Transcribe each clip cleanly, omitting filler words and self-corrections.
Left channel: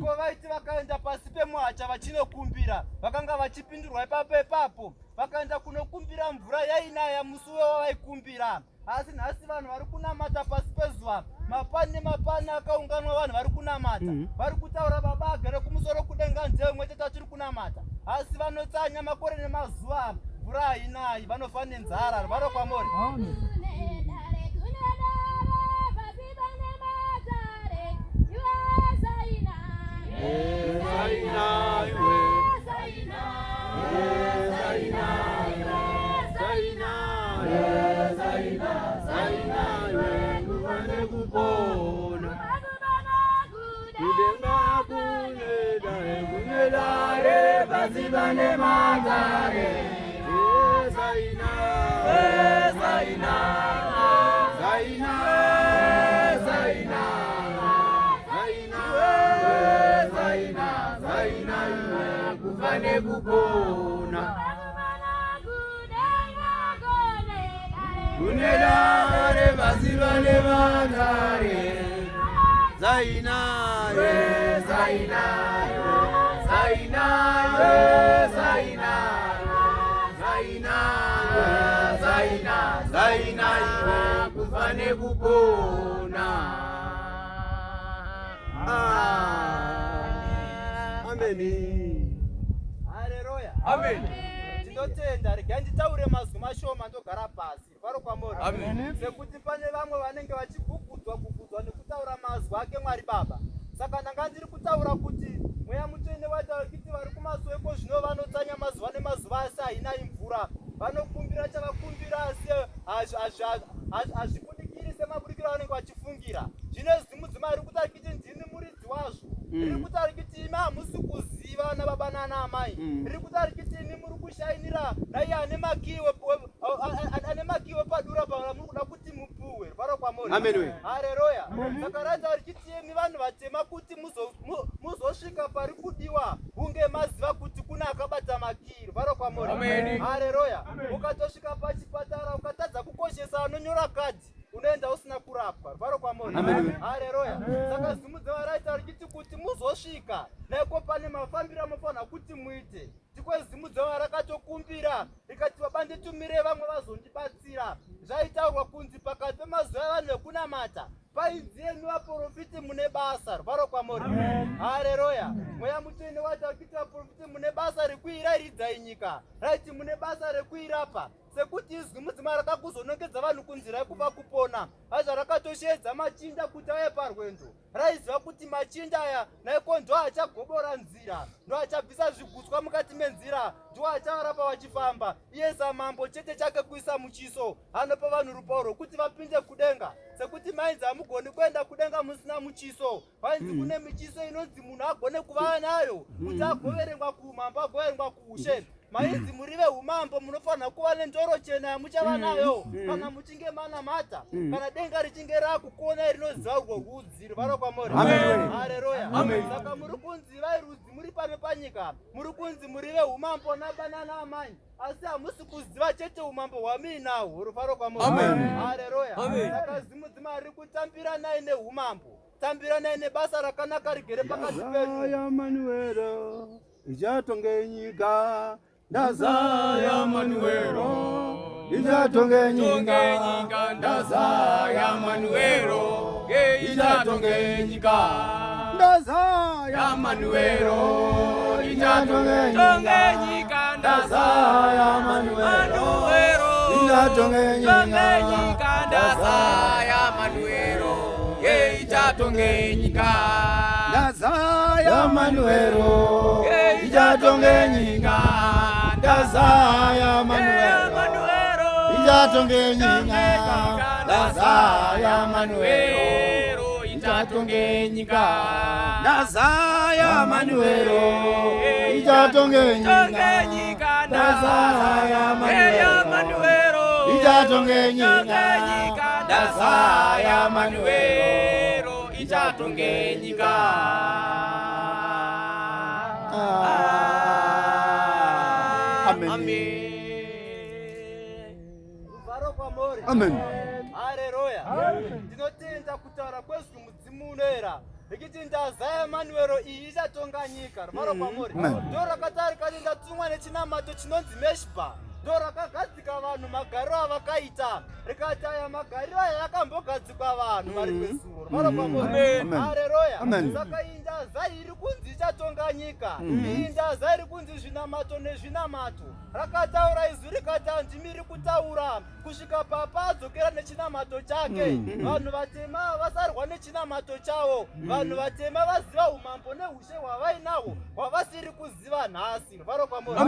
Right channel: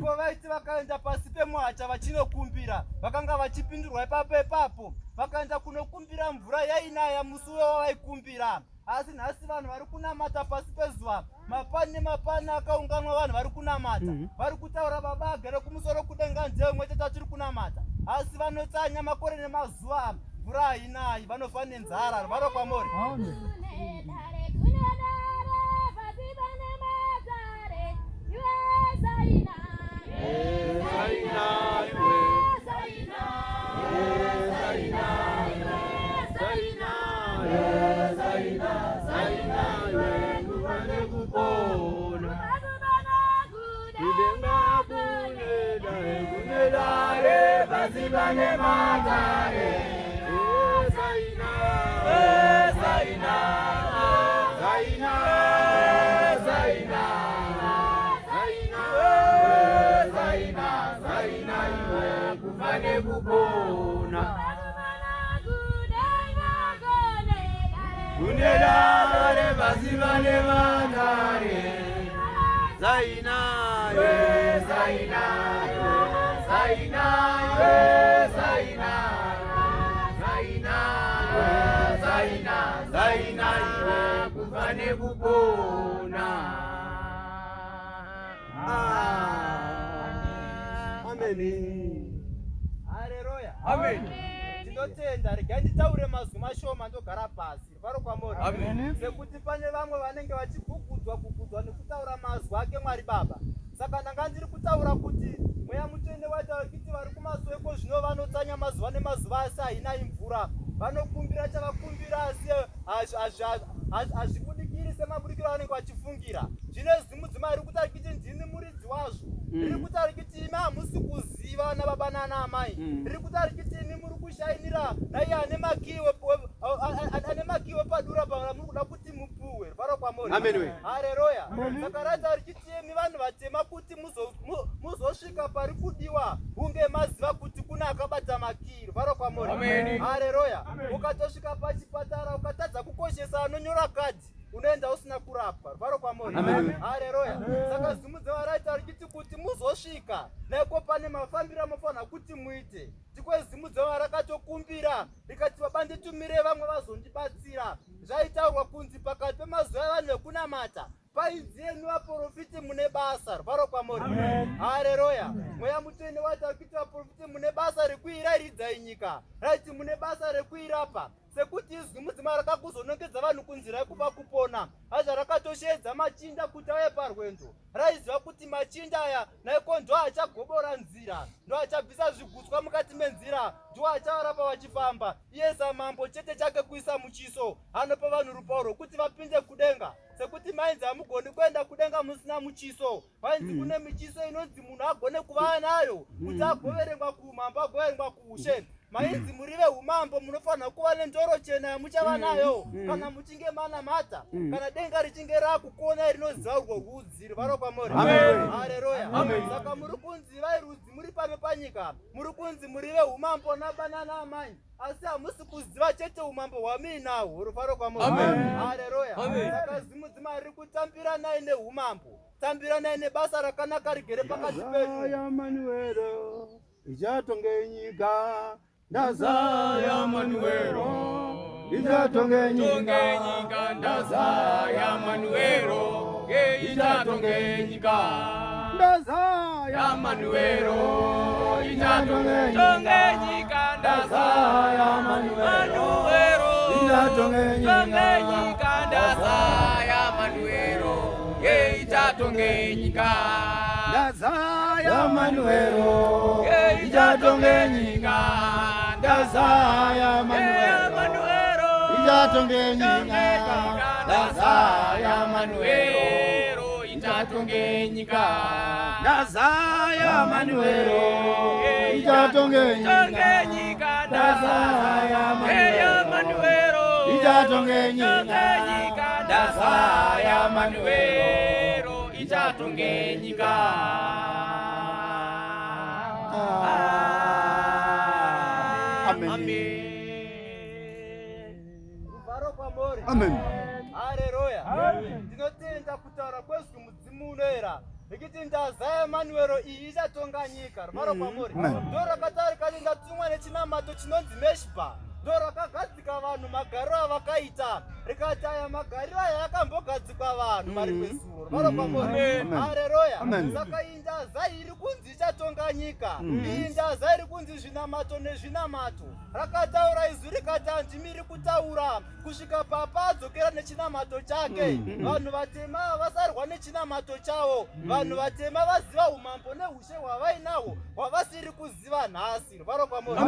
Ko vaiti vakaenda pasi pemuhacha vachinokumbira, vakanga vachipindurwa ipapo. Vakaenda kunokumbira mvura yainaya musi wavaikumbira. Asi nhasi vanhu vari kunamata pasi pezuva, mapani nemapani akaunganwa vanhu vari kunamata. Vari kutaura baba agere kumusoro kudenga nzeve mwete tachiri kunamata. Asi vanotsanya makore nemazuva, mvura hainayi, vanofa nenzara. Vari kwamuri. Haleluya. Amen. Tinotenda, regai nditaure mazwi mashoma ndogara pasi. Vari kwamuri. Sekuti pane vamwe vanenge vachigugudzwa nekutaura mazwi ake Mwari Baba. Saka ndanga ndiri kutaura kuti mweya mutsvene wataura kuti vari kumasweko zvino vanotsanya mazuva nemazuva asi hainayi mvura. Vanokumbira chavakumbira asi hazvibudikiri semabudikiro avanenge vachifungira. Zvino zimudzimai riri kutaura kuti ndini muridzi wazvo. Riri kutaura kuti imi hamusi kuziva vana baba nana amai. Riri kutaura kuti imi muri kushainira naiye ane makiwe padura muri kuda kuti mupuwe. Vari kwamuri. Haleluya. Saka rataura kuti imi vanhu vatema kuti muzosvika pari kudiwa hunge maziva kuti kuna akabata makiri. Vari kwamuri. Haleluya. Ukatosvika pachipatara ukatadza kukoshesa anonyora kadhi, unoenda usina kurapwa. Vari kwamuri. Haleluya. Saka zimudzimai rataura kuti muzosvika naiko pane mafambiro amofanira kuti muite. Ndiko zimudzimai rakatokumbira rikati baba nditumire vamwe vazondibatsira. Zvaitaurwa kunzi pakati pemazuva avanhu vekunamata painzi yenyu vaprofiti mune basa. Vari kwamuri. Haleluya. Mweya mutsvene wataura kuti vaprofiti mune basa rekuirairidzai nyika, raiti mune basa rekuirapa. Sekuti izwi mudzimai rakakuzonongedza vanhu kunzira yekupa kupona, hazva rakatosheedza machinda kuti auye parwendo. Raiziva kuti machinda aya naiko ndo achagobora nzira, ndo achabvisa zvigutswa mukati menzira, ndo achavarapa vachifamba. Iye samambo chete chake kuisa muchiso, anopa vanhu rupauro rwokuti vapinde kudenga. Sekuti mainzi hamugoni kuenda kudenga musina muchiso. Vainzi kune michiso inonzi munhu agone kuva nayo kuti agoverengwa kuumambo, agoverengwa kuushe. Mainzi muri veumambo munofanira kuva nendoro chena yamuchava nayo kana muchinge manamata, kana denga richinge rakukonai rinoziva urwo rudzi. Vari kwamuri. Haleluya. Saka muri kunzi vai rudzi muri pano panyika, muri kunzi muri veumambo nabanana amai, asi hamusi kuziva chete umambo hwamuinahwo. Vari kwamuri. Haleluya. Saka zimudzimai riri kutambira nai neumambo, tambira nai nebasa rakanaka rigere pakati penyu. Ichatonge nyika ndazaya Manuelo, ichatonge nyika ndazaya Manuelo, ichatonge nyika ndazaya Manuelo, ichatonge nyika ndazaya Manuelo, ichatonge nyika ndazaya Manuelo, ichatonge nyika ndazaya Manuelo, ichatonge nyika ndazaya Manuelo, ichatonge nyika ndazaya Manuelo, ichatonge nyika ndazaya Manuelo, ichatonge nyika ndazaya Manuelo, ichatonge nyika ndazaya Manuelo, ichatonge nyika. Amen. Haleluya. Ndinotenda kutaura kwezwi mudzimu unoera ikiti ndaza yaManuero iyi ichatonga nyika. Rwaro kwamuri. Ndo rakatari kati ndatumwa nechinamato chinonzi Meshba. Ndo rakagadzika vanhu magariro avakaita. Rikati aya magariro aya akambogadzikwa vanhu vari kwezuro. Rwaro kwamuri. Haleluya. Saka iyi ndaza iri kunzi ichatonga nyika. Iyi ndaza iri kunzi zvinamato nezvinamato. Rakataura izwi rikati handimiri kutaura kusvika papa adzokera nechinamato chake. Vanhu vatema vasarwa nechinamato chavo. Vanhu vatema vaziva umambo neushe hwavainahwo hwavasiri kuziva nhasi. Rwaro kwamuri.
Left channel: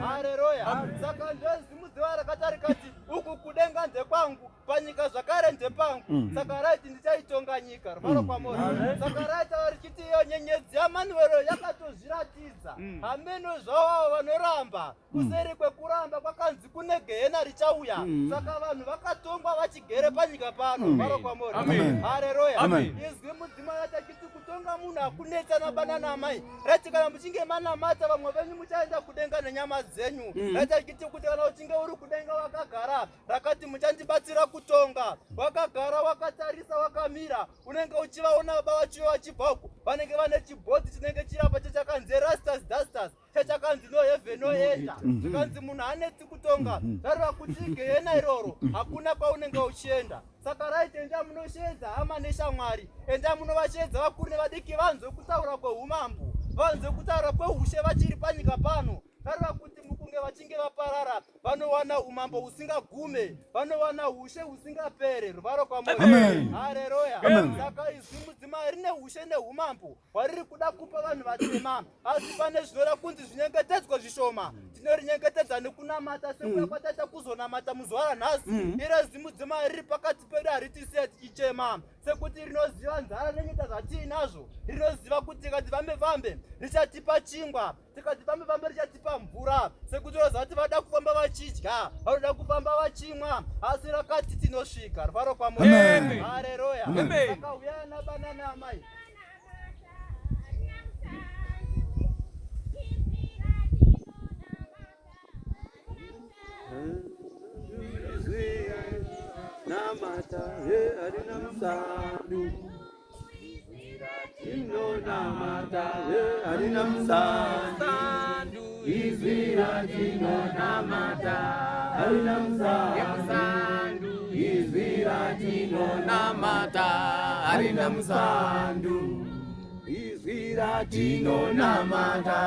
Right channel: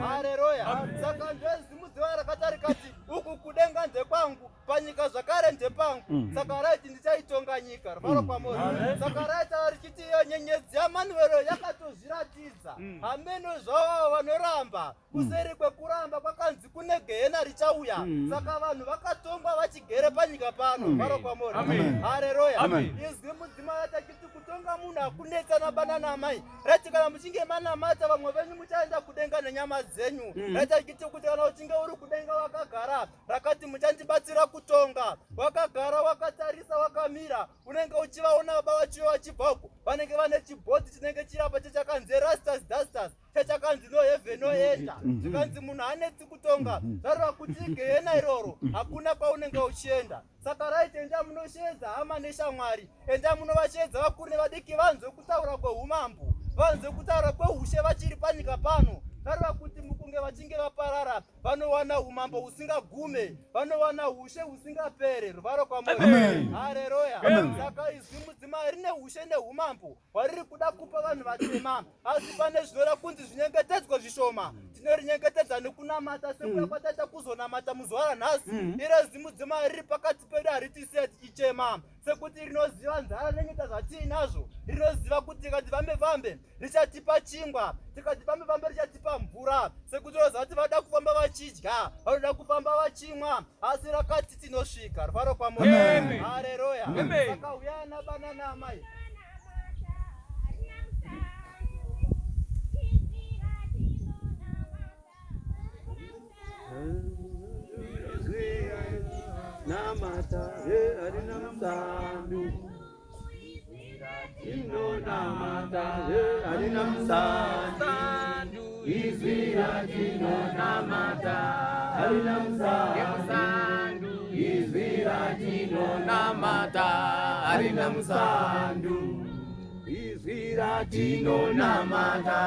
Haleluya. Saka ndozimudziwa rakati rikati uku kudenga ndekwangu panyika zvakare ndepangu. Saka raiti ndichaitonga nyika. Rwaro kwamuri. Saka raita richiti iyo nyenyedzi yaManuero yakatozviratidza. Hameno zvavo vanoramba kuseri kwekuramba kwakanzi kune gehena richauya. Saka vanhu vakatongwa vachigere panyika pano. Rwaro kwamuri. Haleluya. Izwi mudzimai achiti kutonga munhu hakunetsana bana namai. Rati kana muchinge manamata vamwe venyu muchaenda kudenga nenyama dzenyu. Rati achiti kuti kana uchinge uri kudenga wakagara, rakati muchandibatsira kutonga. Wakagara wakatarisa wakamira, unenge uchivaona baba vacho vachibvako. Vanenge vane chibhodhi chinenge chirapa chakanzi Rastas Dustas. Chakanzi no heaven no enter. Zvikanzi munhu hanetsi kutonga. Zvareva kuti gehena iroro hakuna kwaunenge uchienda. Saka raiti enda munoshedza hama neshamwari. Enda munovashedza vakuru nevadiki vanzwe kutaura kweumambo. Vanzwe kutaura kweushe vachiri panyika pano. Zvareva kuti mukunge vachinge vaparara vanowana umambo usingagume. Vanowana ushe usingapere. Rwaro kwamuri. Haleluya. Saka izwi mudzimai rine ushe neumambo hwariri kuda kupa vanhu vatema. Asi pane zvinoda kunzi zvinyengetedzwa zvishoma. Tinorinyengetedza nekunamata sekuya kwataita kuzonamata muzuva ranhasi. Iro zwi mudzimai riri pakati pedu haritisi tichichema. Sekuti rinoziva nzara nenyika zvatiinazvo. Rinoziva kuti tikati vambe richatipa chingwa. Tikati vambe richatipa mvura. Sekuti roziva kuti vada kufamba vachidya, vanoda kufamba vachimwa. Asi rakati tinosvika. Rwaro kwamuri. Haleluya. Saka uyai nabana namai. Namata harina msandu. Namata harina msandu. Izvira tino namata harina msandu. Izvira tino namata harina msandu. Izvira tino namata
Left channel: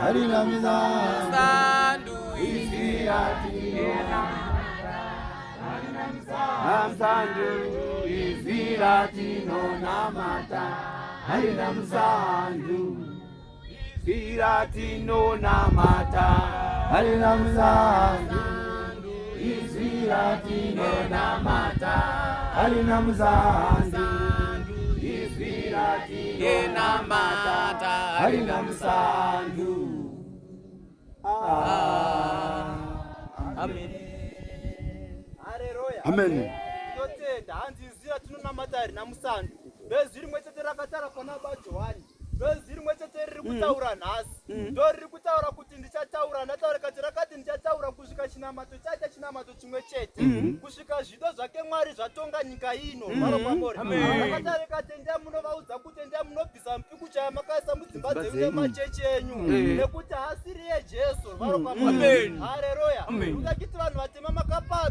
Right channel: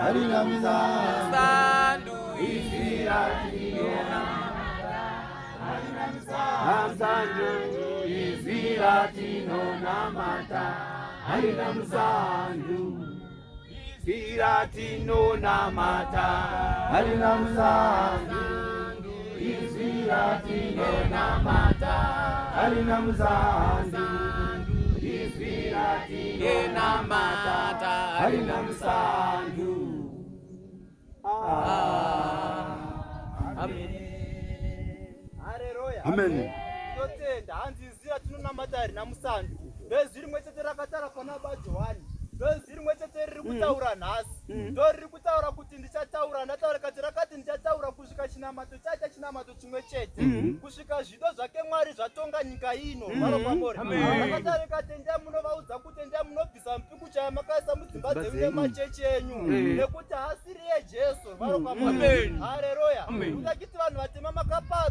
harina msandu. Izvira tino namata harina msandu. Izvira tino namata harina msandu. Izviratino namata harina msandu. Izviratino namata harina msandu. Izviratino namata harina msandu. Haleluya. Amen. Totenda hanzi izviratino namata harina msandu. Ndozviri mwechete rakatara pana baba Johani. Ndozviri mwechete riri kutaura nhasi. Ndo riri kutaura kuti ndichataura. Ndataura kati rakati ndichataura kusvika chinamato chacha chinamato chimwe chete. Kusvika zvido zvake Mwari zvatonga nyika ino. Rwaro kwamuri. Rakataura kati ndiamunovaudza kuti ndiamunobvisa mpiku chaya makaisa mudzimba dzenyu nemachechi enyu. Nekuti hasiri yeJesu. Rwaro kwamuri. Haleluya. Ndakiti vanhu vatema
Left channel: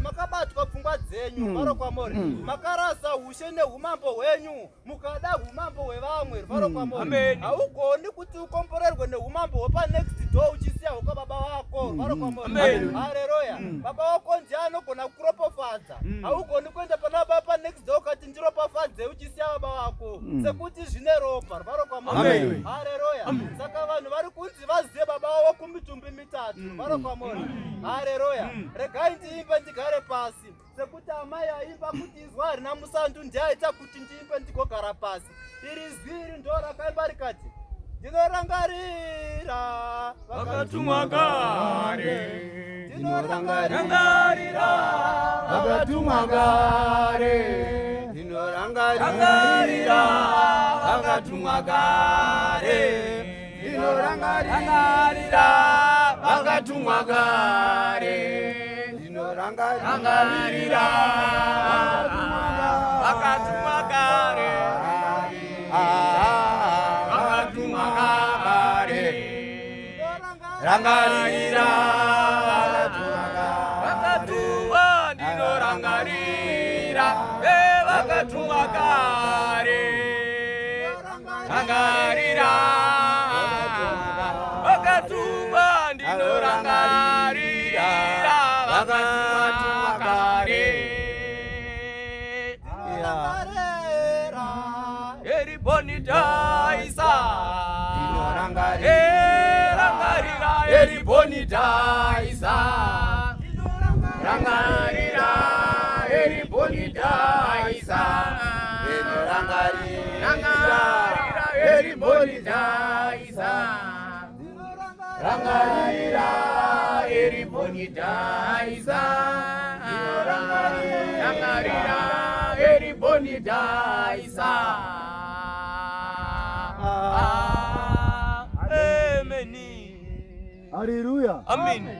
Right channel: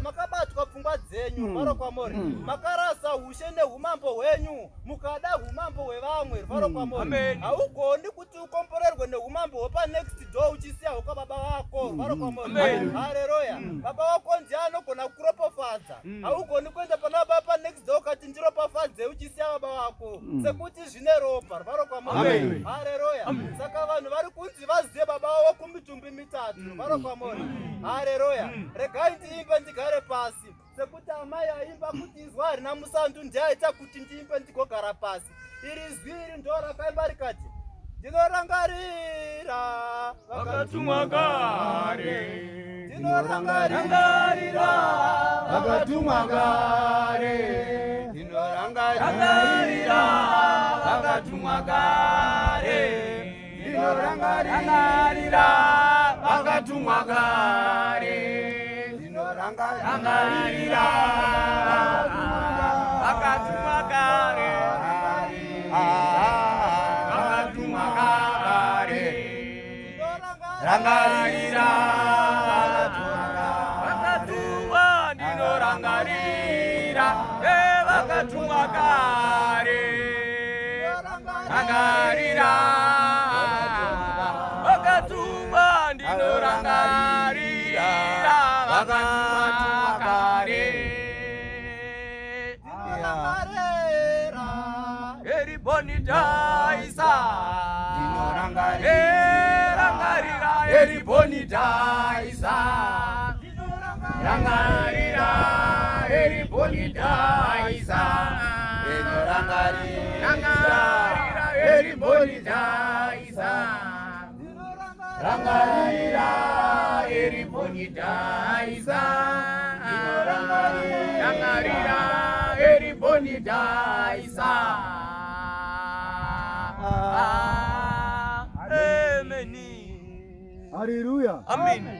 makabatwa pfungwa dzenyu. Rwaro kwamuri. Makarasa ushe neumambo hwenyu. Mukada umambo hwevamwe. Rwaro kwamuri. Haugoni kuti ukomborerwe neumambo hwepa next door uchisiya hwekwa baba wako. Rwaro kwamuri. Haleluya. Baba wako ndiye anogona kuropofadza. Haugoni kuenda pana baba next door ukati ndiropofadze uchisiya baba wako. Sekuti zvine ropa. Rwaro kwamuri. Haleluya. Saka vanhu vari kunzi vazive baba wavo kumitumbi mitatu. Rwaro kwamuri. Haleluya. Regai ndiimbe ndigare pasi. Sekuti amai aimba kuti izwa harina musandu ndiaita kuti ndiimbe ndigogara pasi. Iri zviri ndo rakaimba rikati ndinorangarira vakatumwa kare. Ndinorangarira vakatumwa kare. Ndinorangarira vakatumwa kare. Ndinorangarira vakatumwa kare. Ndinorangarira vakatumwa kare. rangarira vakatumwa ndinorangarira vakatumwa kare rangarira vakatumwa ndinorangarira vakatumwa kare eribonitaisa rangarira eribonitaisa rangarira eribonitaisa rangarira eribonitaisa rangarira eribonitaisa rangarira eribonitaisa. Amen. Haleluya. Amen.